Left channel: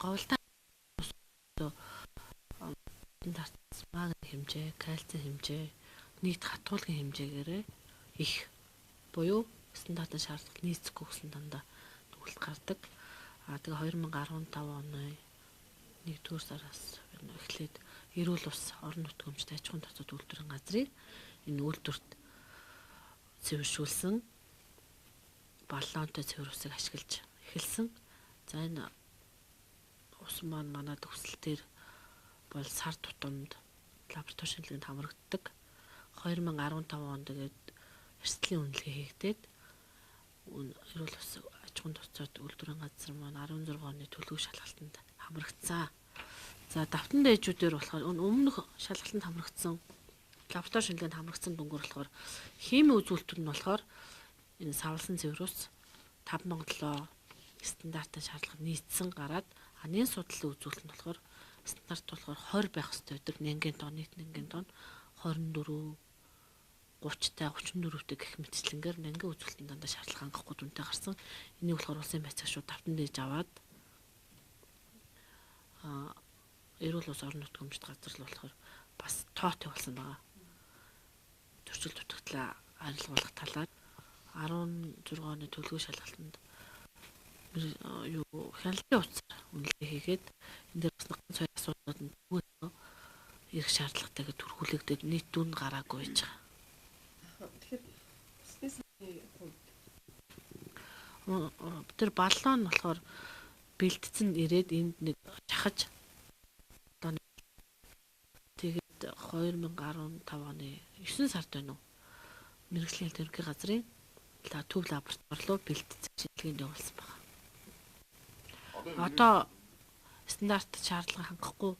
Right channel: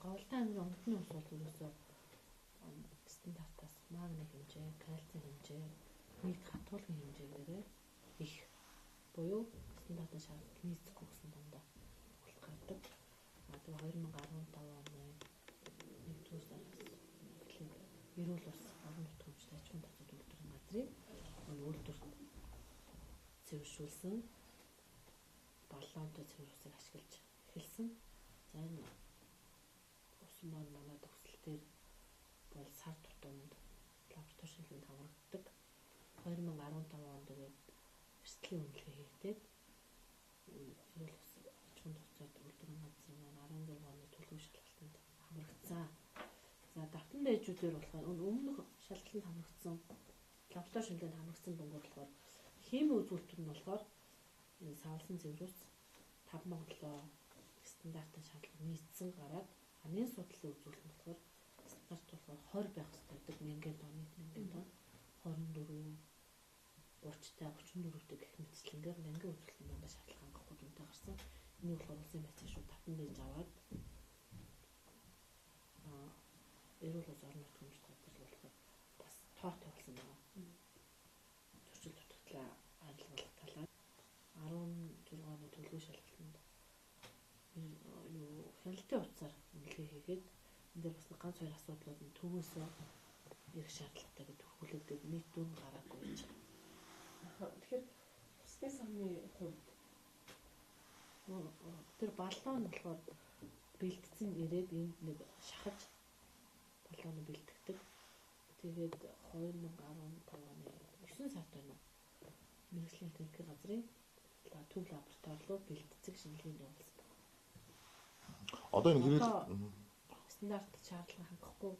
Говьлтан аймгийн үндэсний ус бол ерөөсөө стандартаас магний хэмжээ, кальцийн хэмжээ, нийт хатуулгын хэмжээгээрээ их буюу стандартын шаардлага нийцэхгүй гэсэн дандаа төгөлд гардаг. Тэгээ 2015 оны 1-р сараас эхлээд эрүүл ус орон нутгамжид аж ахуйн тооцоод үйлдвэрийн газрыг энэ үйлдвэрт цэвэршүүлсэн баллонтой цэвэр усыг ашиглаж эхэлсэн. За энэ ус маань манай төгсөлтөөр бол сар тутамд лаборатори шинжилгээнд хамрагддаг. 2015 онд тэгээд эрсдлийн үнэлгээ хийгдээд эрүүл ус аж ахуйн тооцоод үйлдвэрийн газар маань 16 оны төлөв шалгалтанд хамрагдсан. За давтан дээжүүдээр болохоор өмнөх шалгалтанд хамрагдсан лаборатори шинжилгээнд хамрагдсан дүнгээр болохоор химийн үзүүлэлтүүд нь болохоор энэ савлсан цэвэр ус 5,700 стандартын шаардлага нийцсэн гараад нэн судлалын үзүүлэлт нь болохоор стандарт болохоор 20 байх хэрэгтэй байдаг. Нэнгийн тонн, нийт нэнгийн тонн 24 30-тай 34-тэй гэх мэтчлэнгээр нэнгийн үзүүлэлтийн дандаа шаардлага хангахгүй дүнтэй гарсан. Энийг болохоор улсын байцааг шууд давтан дээж аваад эрүүл ус орон нутгамжид газарлал болохоор бас тоотой болсон байгаа. Төрчил дутагдлаа арилгуулах талаар 16 оны төлөв шалгалтанд хяналтын утсаар үнэлгээ хийгээд энэ дээр бас ганц хоёр асуудлууд нь түгээлсээ ирэх шаардлагатайг төрхүүлэгдээд нийт дүн гараагүй байж байгаа. Тэгэхээр стресс амны хувьд тэр баллон нь болохоор бэлтцэн ирээд энд нэг шахаж баллон бэлтгэдэг. Тэгээд 2015 оны 9 сард байна уу? Мэргэжлийн хэлт ерөнхий газрын төв лаборатори руу бэлтцэг шинжилгээнд явуулсан байна. Одоо стандарт шаардлага хангахгүй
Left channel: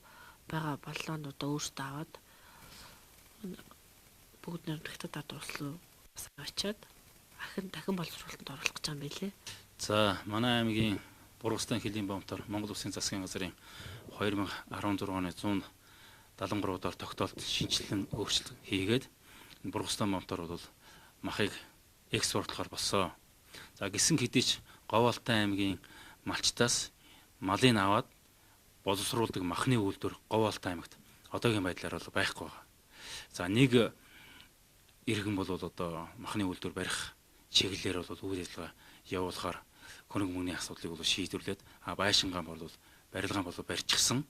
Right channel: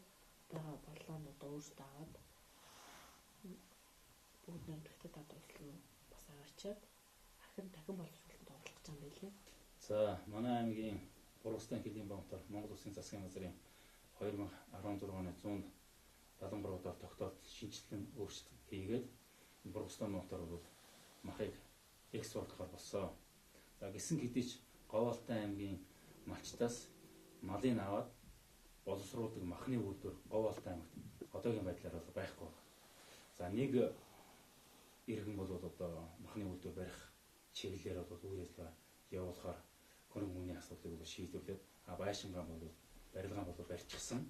байгаа баллонуудаа өөрсдөө аваад бүгд нэрдэгтэй дадварс руу бас аваачаад дахин боловсруулалтанд оруулах гэж байгаа юм билээ. За манай аймгийн Бургастан хөлийн бомтор Монгол Улсын засгийн газрын 2016 оны 173 доор тогтоолт шинжилэн өөрчлөлт хийгээд Бургастан бомтор бол махыг экспортлохоор болсон. За гисэн хэдий ч Говьлтан аймгийн малчтаас малыг аваад боловсруулдаг махны үйлдвэр Говьлтан аймагт одоогийн байдлаар бол байхгүй байна. За нэг иргэн бол одоо махны үйлдвэр барих чиглэлээр бол үйл ажиллагаа явуулахаар хөрөнгө мөнгөний асуудлыг бол шийдвэрлээд байшингаан бол барилгаан бол барьчихсан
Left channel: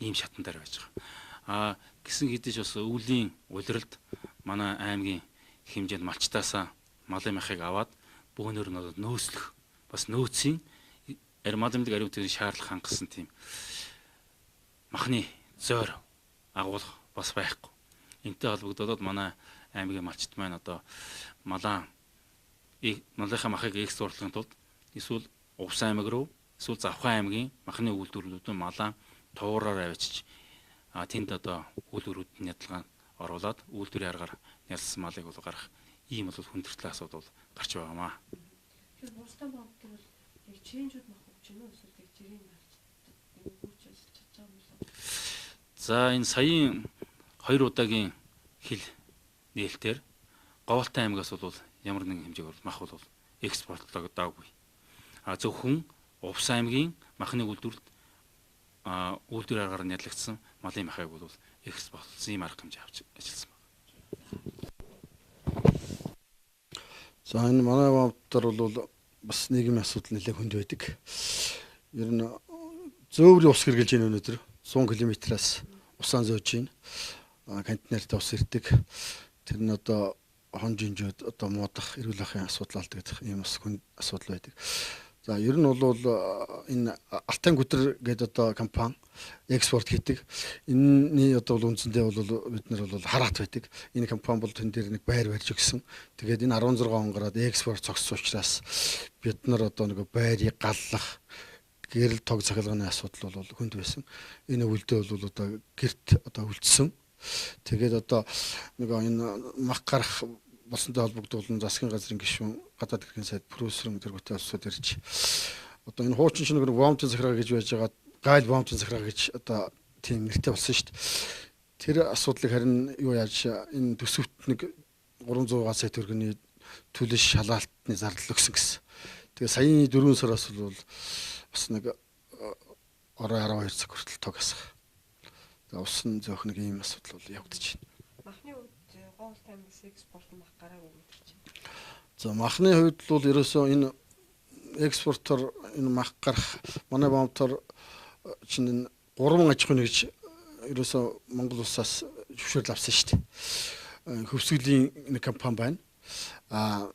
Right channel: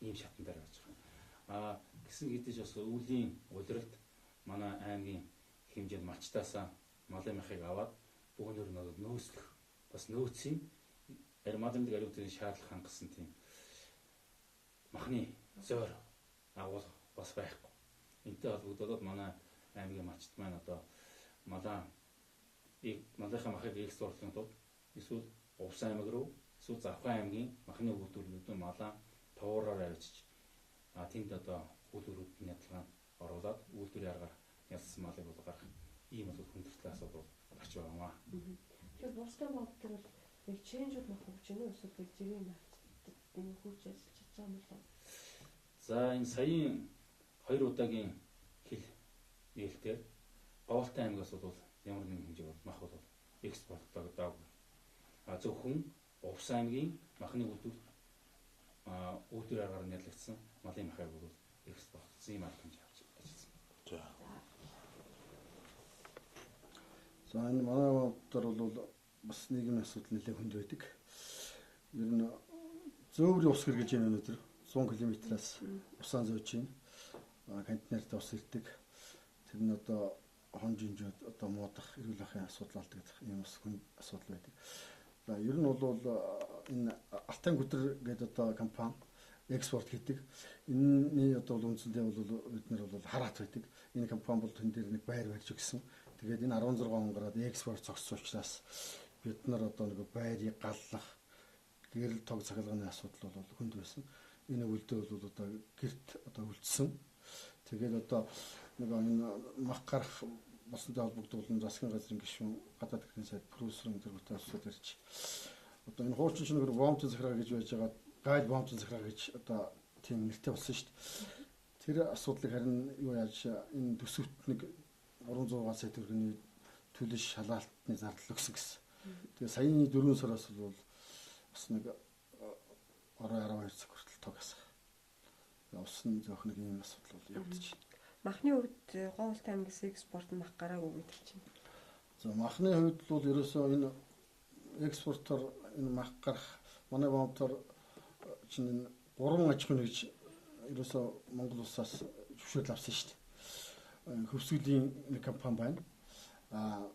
ийм шатан дээр байж байгаа. Гисэн хэдий ч бас өвлийн улиралд манай аймгийн хэмжээнд малчтаасаа малын махыг аваад бөөнөр нь нөөцлөх бас нөөцийн маламжлаг ариутгын шаардлага хангасан тийм махны зойр агуулга бас байхгүй. Энтэй холбогдоод манай аймгийн малчт маань одоо малынхаа махыг экспортлохын тулд эсвэл Увс аймаг руу эсвэл Завхан аймгийн махны үйлдвэрлэлүүд малаа туураар авчиж тэнд одоо үйлдвэрүүд нь ядалгаан оруулаад үйлдвэрийн аргаар ялсан малыг бол гарах ийм бол хүндрэлтэй асуудал гарч байгаамаа. Тэгэхээр Бургастан бомтор бол яг чэнжүүд мах хөгж гэнэ үү эсвэл яг жирийн махчд энэ хөгж ажиллаж байгаа юм болоо. За энэ саяын 2 удаагийн хил нээлтээр Говьлтан аймгаас бол ямар нэгэн хэмжээгээр мах бол экспортлогдоогүй. Зөвхөн Увс аймгийн махны үйлдвэрт үйлдвэр аргаар нь ядлагдсан малын махыг бол экспортлсон ийм арга хэмжээ авч ажилласан байна. За энэ манай бомтор бол бас нийгмийн асуудал нэлээд хүнд байдаг. Ер нь зөөврийн ус хэрглэж байна өнөөдөр 100 км-аас усаан зөөж байна. Контейнерт ус ирдэг. Тэр нь одоо хон жинжүүд одоо муудах эрүүл ахуйн асуудал алдаг гэх ийм бас хүнд асуудал байдаг. За ер нь бол энэ Алтан Гүдэр гэдэг одоо компани экспорт хийдэг. Энэний одоо үндсэндээ бол бид нар бол хараат байдаг. Энэ компани бол тэн дээр нэг байр барьж өгсөн. Тэгээд энэ 16 он гараад экспорт цогцсон учраас бид нар одоо нэг байрыг галлах гэрэл тог цахилгааны асуудал бол хүнд байсан. Энэ өвөлдөө бол одоо гэрт одоо үлдсэн. Тэгээд одоо нэг энэ мах гарах болсонтой холбогдуулан засгийн газрын гишүүн гадаад хэргийн сайд профессор тэргүүтэй улсууд ирж одоо энэ хуучин чинь нэг бомтын захиргаа гэж байж байгаа гайл бомтын захиргаа гэж одоо тийм нэртэй болсон шүү дээ. Тэр асуудлыг харин юу яаж энэ төсөвт нэг 300 сая төгрөгийн төлөш шалгаалтны зардал өгсөн гэсэн. Тэгээ саяны 4 сараас бол бас нэг орой 12 цаг хүртэл тог асах. За усан зөөх нэг ийм асуудал бол явагдаж байна. Махны хувьд Говьолт аймгаас экспорт мах гараагүй гэдэг чинь. За махны хувьд бол ерөөсөө энэ экспортоор энэ мах гарах манай бомтор чинь 3 аж ахуйн нэгж ерөөсөө Монгол улсаас зөвшөөрөл авсан шүү дээ. Хөвсгөлийн нэг компани байна.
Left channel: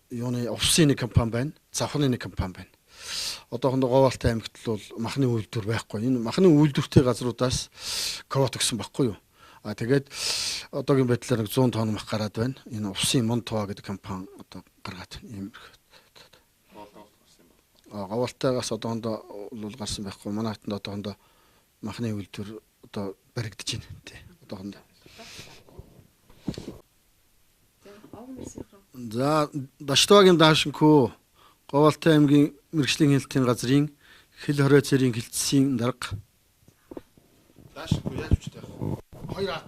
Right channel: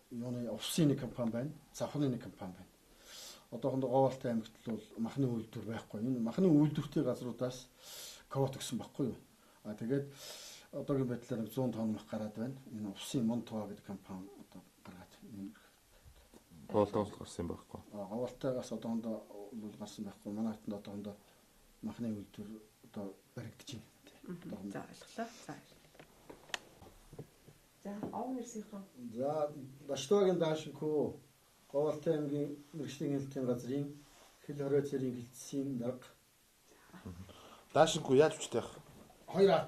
Юуны увсын нэг компани байна. Завхны нэг компани байна. Одоохондоо Говьолт аймагт бол махны үйлдвэр байхгүй. Энэ махны үйлдвэртэй газруудаас квот өгсөн байхгүй юу? Тэгээд одоогийн байдлаар 100 тонн мах гараад байна. Энэ увсын Монтова гэдэг компани одоо гаргаад байна. Говьолтоос гарсан байхгүй. Говьолтоос одоохондоо бол гарсан байхгүй. Манай хатанд одоохондоо махны үйлдвэр одоо баригдаж байна тий. Одоохондоо. За Даштвагийн даашинхүү Говьолт аймгийн мэрэгжлийн хэлтийн газрын хэл хорой цэрийн хилцсийн дарга. Даашингүй яаж үчтэй байх? Хоёр